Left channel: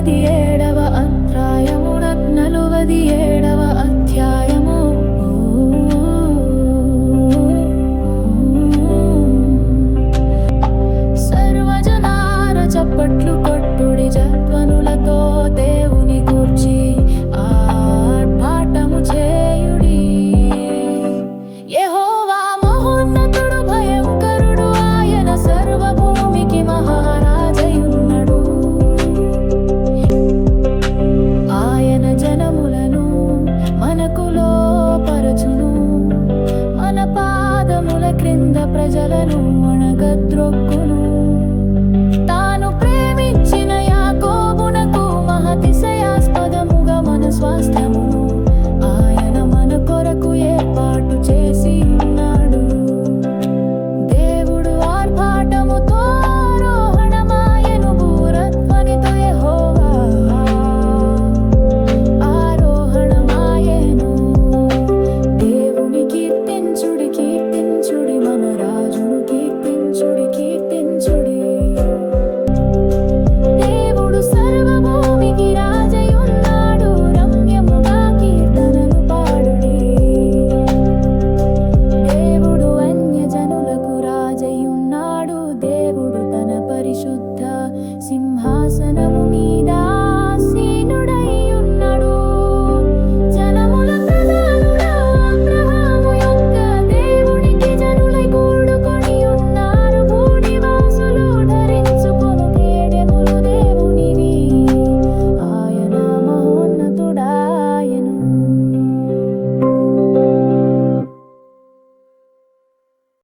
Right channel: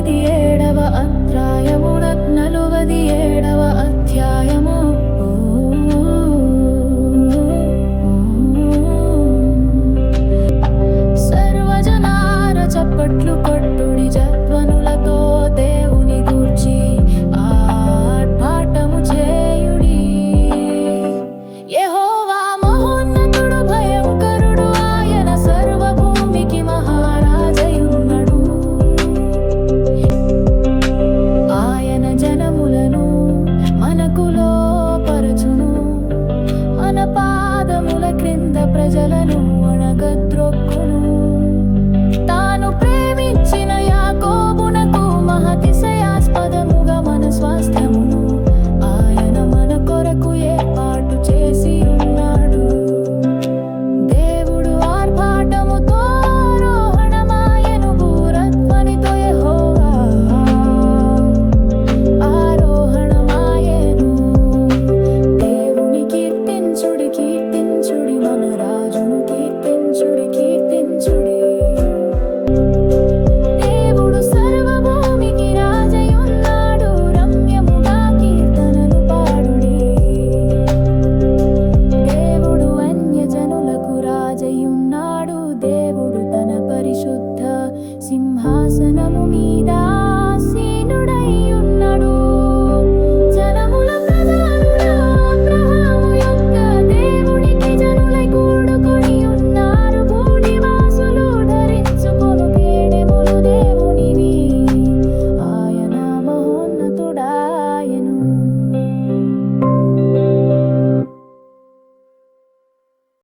47వ అధ్యాయము 47వ అధ్యాయము. సర్వజనార చప్పట్లు కొట్టుడి, జధ్వనులతో దేవుని గూర్చి ఆర్భాటము చేయుడి. యెహోవా మహోన్నతుడు, భయంకరుడు, ఆయన సర్వభూమికి మహారాజయున్నడు. ఆయన జనములను మనకు లోపరచును, మన పాదముల క్రింద ప్రజలను అణగద్రొక్కును. తాను ప్రేమించిన యాకోబునకు మహతిశయాస్పదముగా మన స్వాస్థ్యమును ఆయన మన కొరకు ఏర్పాటు చేసి ఉన్నాడు. దేవుడు ఆర్భాటముతో ఆరోహణమాయెను, బూరధ్వనితో యెహోవా ఆరోహణమాయెను. దేవుని కీర్తించుడి, కీర్తించుడి, మన రాజును కీర్తించుడి, కీర్తించుడి. దేవుడు సర్వభూమికి రాజయున్నాడు, రమ్యముగా కీర్తనలు పాడుడి. దేవుడు అన్యజనులకు రాజయున్నాడు, దేవుడు తన పరిశుద్ధ సింహాసనము మీద ఆసీనుడై ఉన్నాడు.